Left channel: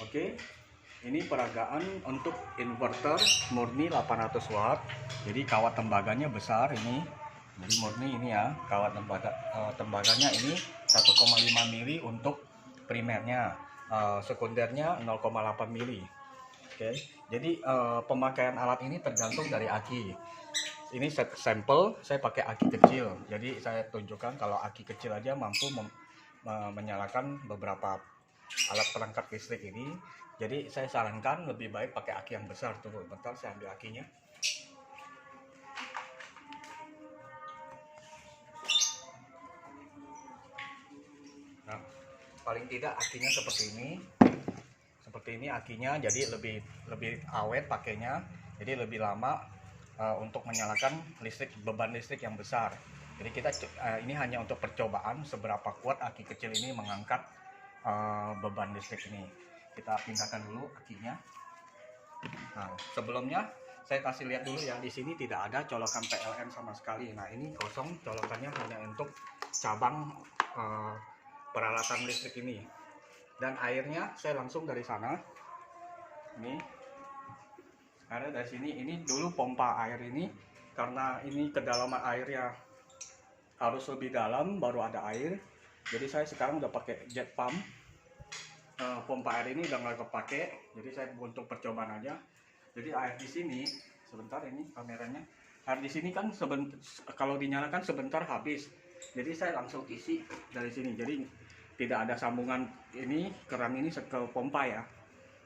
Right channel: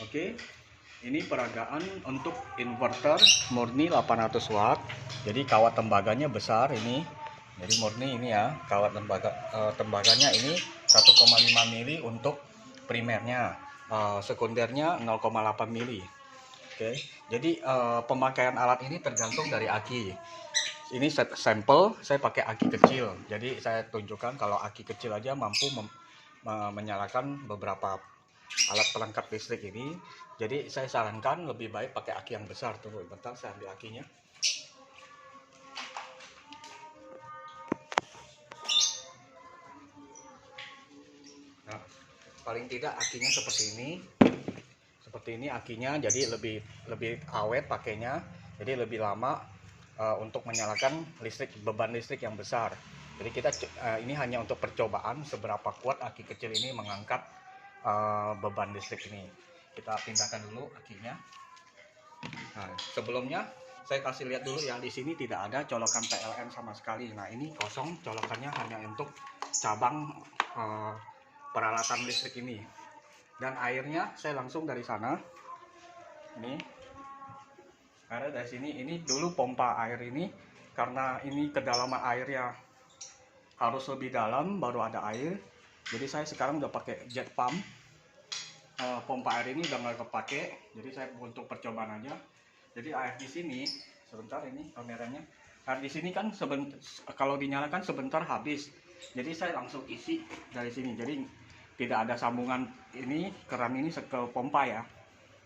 Oke, ini peragaan untuk inverter murni 800 watt. Jadi kawat tembaganya besar ini. Jadi murni ini ya, kawat tembaganya ini 1,5 mili untuk primernya, sekundernya 0,8 mili. Oke, jadi pemakaian alat ini tergantung dari aki. Ini sampel saya pakai aki kecil. Jadi saya tunjukkan kalau aki kecil aja mampu menyalakan beberapa alat pelengkap listrik ini. Jadi saya sarankan lebih baik pakai aki yang besar. Tunggu bentar, saya ambil akinya. Nah, paling tidak akinya seperti ini akinya, jadi lebih awet pakainya, jadi lebih lama untuk menyalakan beban listrik yang besar. Jadi kita ini hanya untuk percobaan seberapa kuat aki kecil ini mengangkat beban listrik ini. Kita pindahkan dulu akinya. Nah, sebelumnya saya kasih lihat dulu yang di sini tidak ada colokan PLN sama sekali. Nah, ini kosong, colokannya hanya untuk cabang peralatan listrik ini. Dan airnya saya langsung dari sana. Ini ada dari sini. Ini dulu pompa air ini, karena ini kedalaman airnya harus lebih dalam baru ada air. Jadi saya sekarang udah pakai jet pump. Pompa air ini udah nggak kepake, jadi saya untuk percobaan aja. Jadi air di sini sebentar, ini kameranya, air di sini kan kalau dinyalakan sebentar habis. Jadi saya langsung isi dari sini, jadi tidak ada sambungan ini keran ini ke pompa ya.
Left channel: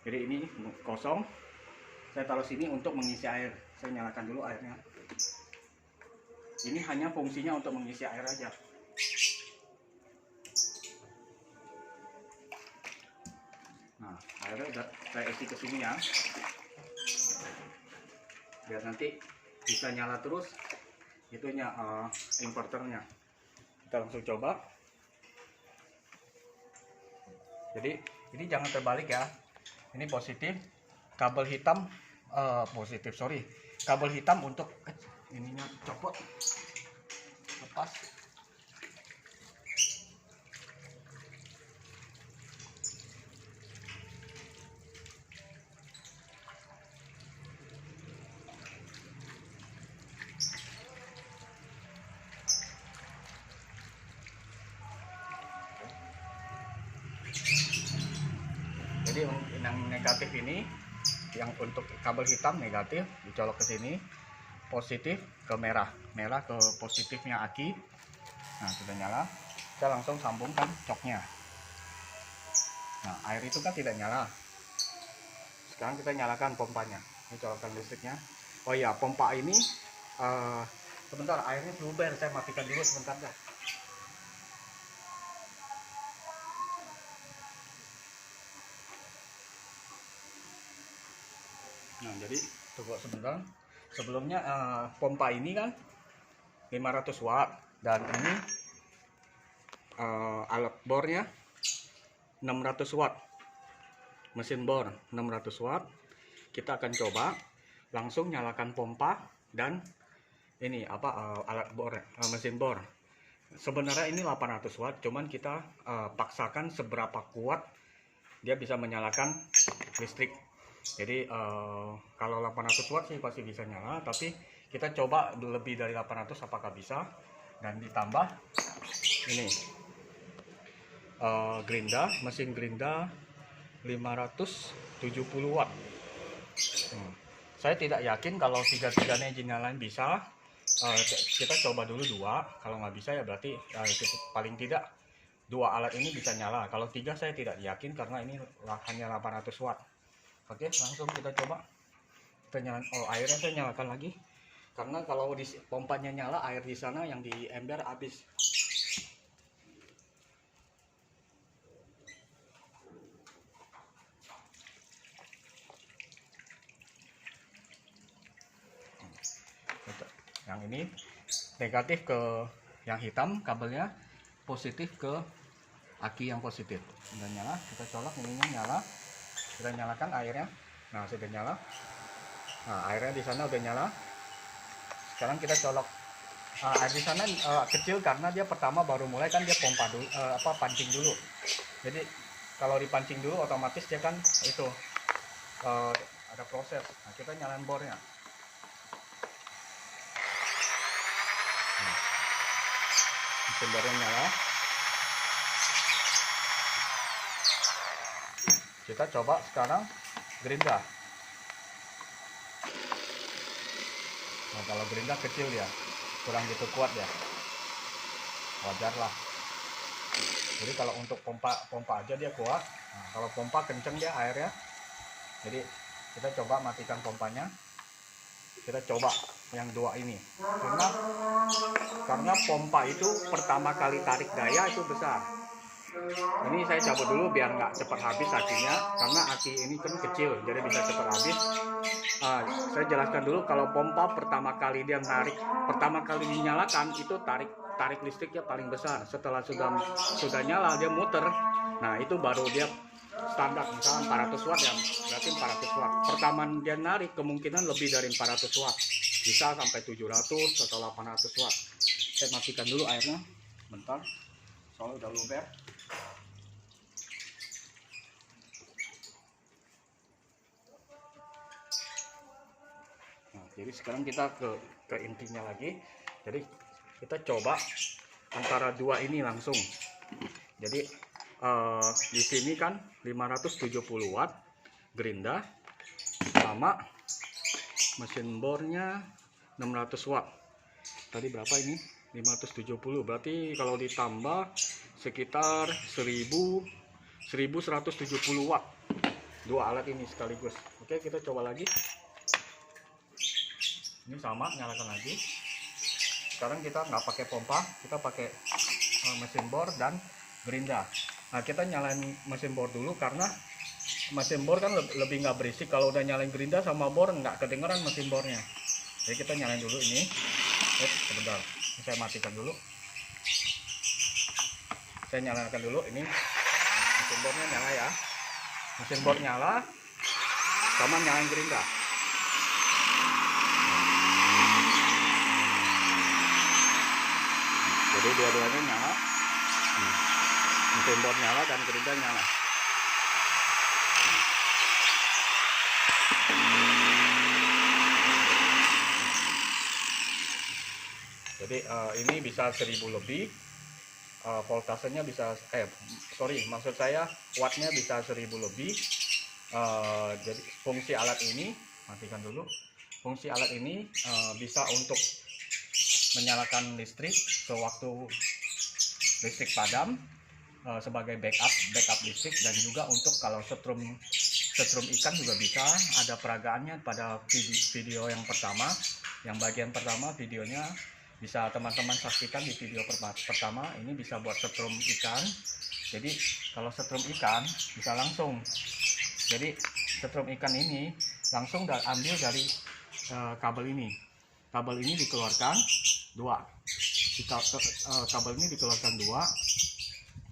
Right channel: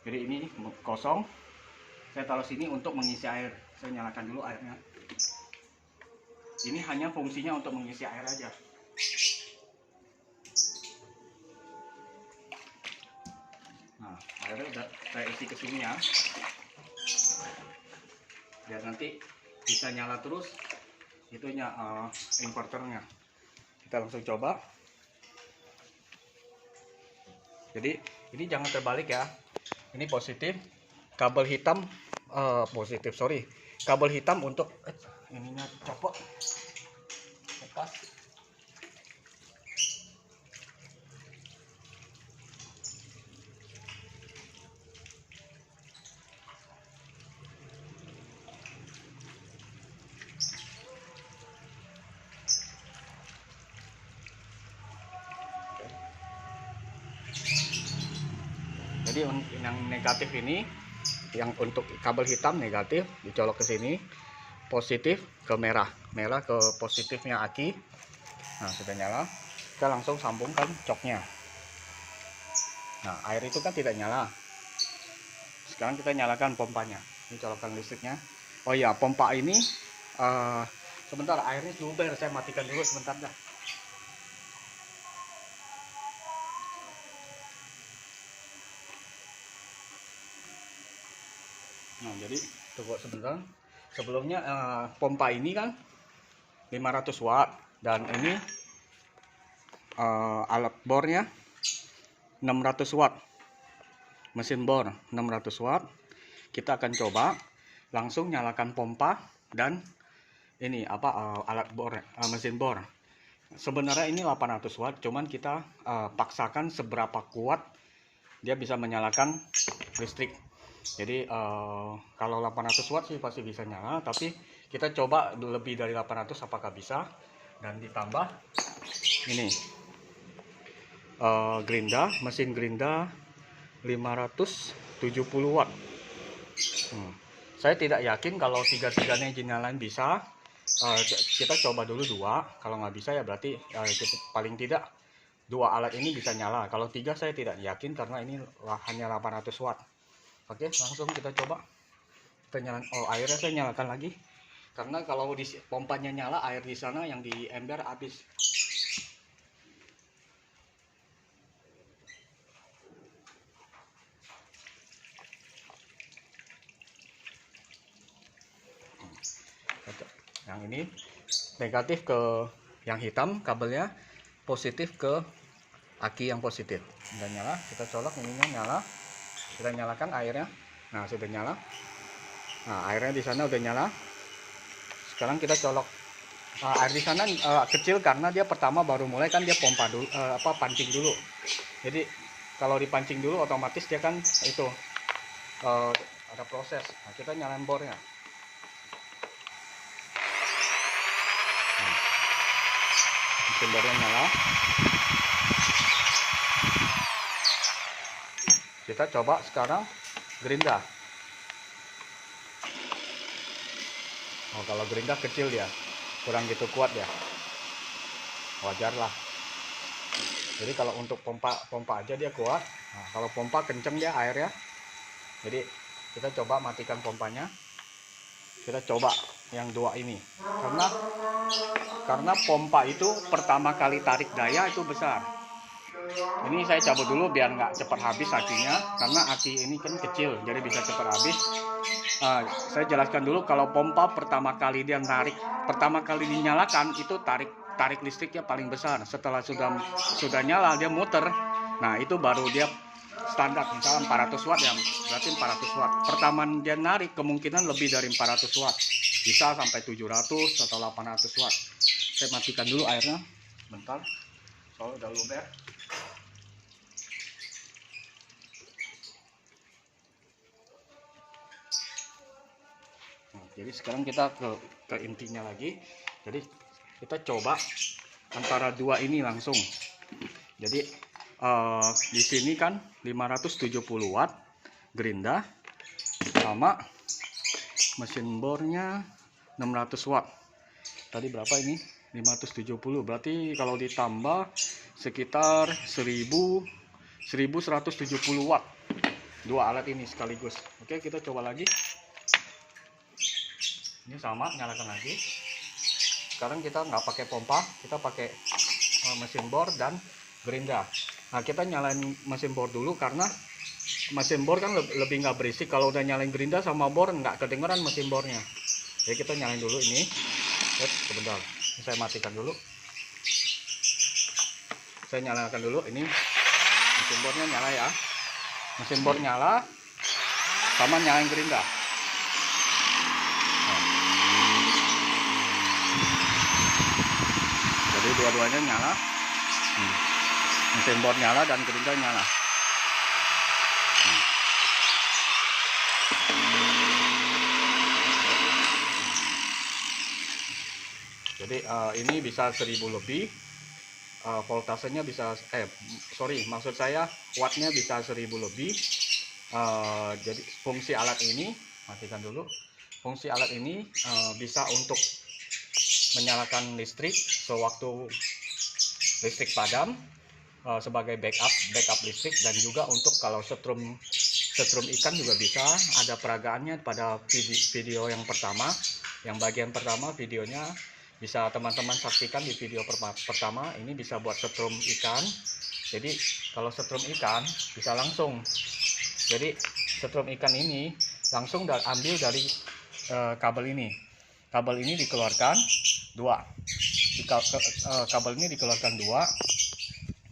Jadi ini kosong, saya taruh sini untuk mengisi air. Saya nyalakan dulu airnya. Ini hanya fungsinya untuk mengisi air aja. Nah, airnya udah saya isi ke sini ya, biar nanti bisa nyala terus itunya, inverternya. Kita langsung coba. Jadi ini jangan terbalik ya, ini positif, kabel hitam kabel hitam untuk ininya copot, lepas. Jadi yang negatif ini, yang untuk kabel hitam negatif dicolok ke sini, positif ke merah ke positifnya aki. Nah, sudah nyala, kita langsung sambungkan coknya. Nah, air itu kan tidak nyala. Sekarang kita nyalakan pompanya, ini colokan listriknya. Oh ya, pompa ini sebentar, airnya luber, saya matikan dulu sebentar dah. Nah, jadi tunggu sebentar. Sebelumnya pompa ini kan 500 watt, dan ini alat bornya 600 watt, mesin bor 600 watt. Kita akan coba langsung nyalakan pompa dan ini alat bor, mesin bor. Sebenarnya ini 800 watt, cuman kita paksakan seberapa kuat dia bisa menyalakan listrik. Jadi kalau 800 watt sih pasti bisa nyala, tapi kita coba lebih dari 800 apakah bisa. Dan ditambah ini mesin gerinda 570 watt. Saya tidak yakin kalau tiga-tiganya nyalain bisa. Kita coba dulu dua, kalau nggak bisa ya berarti paling tidak dua alat ini bisa nyala. Kalau tiga saya tidak yakin karena ini hanya 800 watt. Oke, langsung kita coba. Kita nyalakan, airnya saya nyalakan lagi, karena kalau di pompanya nyala, air di sana yang di ember habis. Yang ini negatif ke yang hitam kabelnya, positif ke aki yang positif. Udah nyala, kita colok, ininya nyala. Kita nyalakan airnya. Nah, sudah nyala. Nah, airnya di sana udah nyala. Sekarang kita colok. Air di sana kecil karena dia pertama baru mulai kan, dia pompa dulu, pancing dulu. Jadi kalau dipancing dulu otomatis dia kan itu ada proses. Nah, kita nyalain bornya. Mesin bornya nyala. Kita coba sekarang gerinda. Nah, kalau gerinda kecil ya, kurang gitu kuat ya, wajar lah. Jadi kalau untuk pompa aja dia kuat. Nah, kalau pompa kenceng dia airnya. Jadi kita coba matikan pompanya. Kita coba yang dua ini, karena pompa itu pertama kali tarik daya itu besar. Ini saya cabut dulu biar nggak cepat habis akinya, karena aki ini kan kecil jadi bisa cepat habis. Saya jelaskan dulu, kalau pompa pertama kali dia narik, pertama kali dinyalakan itu tarik listriknya paling besar. Setelah sudah nyala dia muter, nah itu baru dia standar, misalnya 400 watt ya, berarti 400 watt. Pertama dia narik kemungkinan lebih dari 400 watt, bisa sampai 700 atau 800 watt. Saya matikan dulu airnya bentar, soalnya udah luber. Nah, jadi sekarang kita ke intinya lagi. Jadi kita coba antara dua ini langsung. Jadi di sini kan 570 watt gerinda, sama mesin bornya 600 watt. Tadi berapa ini? 570, berarti kalau ditambah sekitar 1170 watt. Dua alat ini sekaligus. Oke, kita coba lagi. Ini sama, nyalakan lagi. Sekarang kita nggak pakai pompa, kita pakai mesin bor dan gerinda. Nah, kita nyalain mesin bor dulu, karena mesin bor kan lebih nggak berisik. Kalau udah nyalain gerinda sama bor nggak kedengeran mesin bornya. Jadi kita nyalain dulu ini. Sebentar, ini saya matikan dulu. Saya nyalakan dulu ini, mesin bornya nyala ya. Mesin bor nyala, sama nyalain gerinda. Jadi dua-duanya nyala. Mesin bor nyala dan gerinda nyala. Jadi ini bisa 1000 lebih, voltasenya bisa maksud saya wattnya bisa 1000 lebih. Jadi fungsi alat ini, matikan dulu. Fungsi alat ini bisa untuk menyalakan listrik sewaktu listrik padam, sebagai backup listrik, dan juga untuk kalau setrum ikan juga bisa. Ada peragaannya pada video yang pertama, yang bagian pertama videonya bisa teman-teman saksikan di video pertama. Ini bisa buat setrum ikan. Jadi kalau setrum ikan bisa langsung, jadi setrum ikan ini langsung ambil dari kabel ini. Kabel ini dikeluarkan dua. Kabel ini dikeluarkan dua.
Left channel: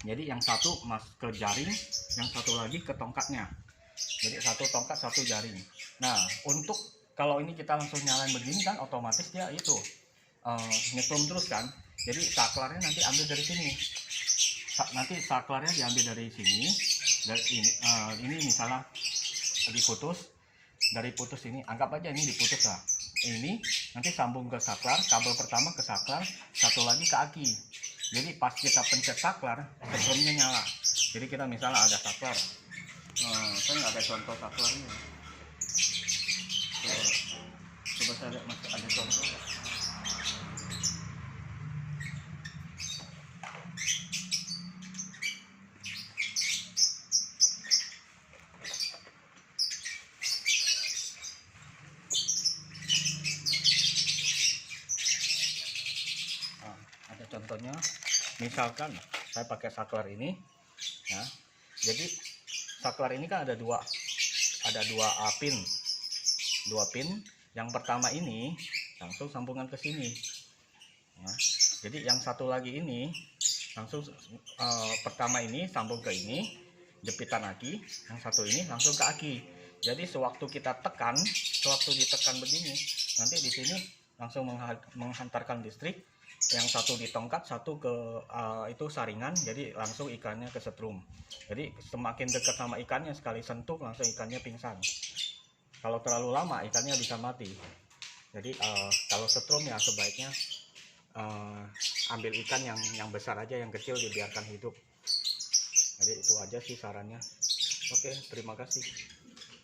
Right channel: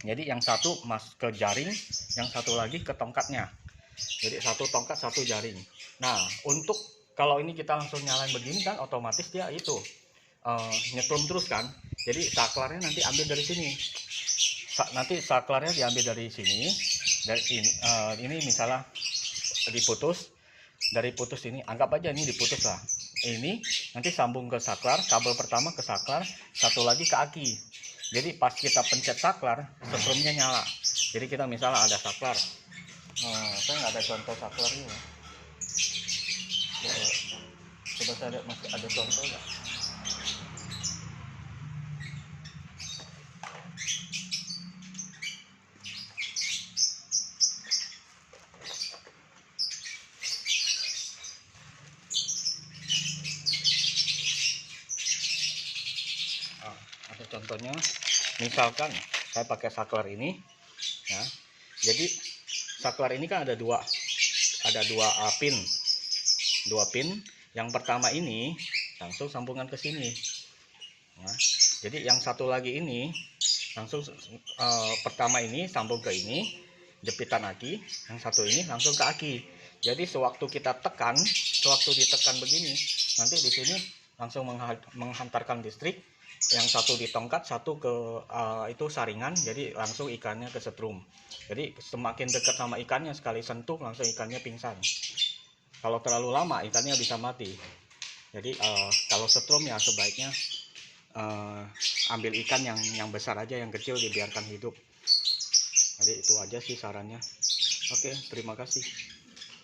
Jadi yang satu ke jaring, yang satu lagi ke tongkatnya. Jadi satu tongkat, satu jaring. Nah, untuk kalau ini kita langsung nyalain begini kan otomatis dia itu nyetrum terus kan. Jadi saklarnya nanti ambil dari sini. Nanti saklarnya diambil dari sini. Dan ini misalnya diputus. Dari putus ini, anggap aja ini diputus lah. Ini nanti sambung ke saklar, kabel pertama ke saklar, satu lagi ke aki. Jadi pas kita pencet saklar, setrumnya nyala. Jadi kita misalnya ada saklar. Saya nggak ada contoh saklarnya. Coba saya lihat masih ada contoh nggak? Ada contohnya, misalkan saya pakai saklar ini ya. Jadi saklar ini kan ada dua pin. Yang pertama ini langsung sambungan ke sini ya. Jadi yang satu lagi ini langsung pertama ini sambung ke ini, jepitan aki. Yang satu ini langsung ke aki. Jadi sewaktu ditekan begini, nanti di sini langsung menghantarkan listrik yang satu di tongkat, satu ke itu saringan, jadi langsung ikannya kesetrum. Jadi semakin dekat sama ikannya, sekali sentuh langsung ikannya pingsan. Kalau terlalu lama ikannya bisa mati. Jadi kalau setrum ya sebaiknya ambil ikan yang besar aja, yang kecil dibiarkan hidup. Jadi itu aja sih sarannya. Oke, terima kasih.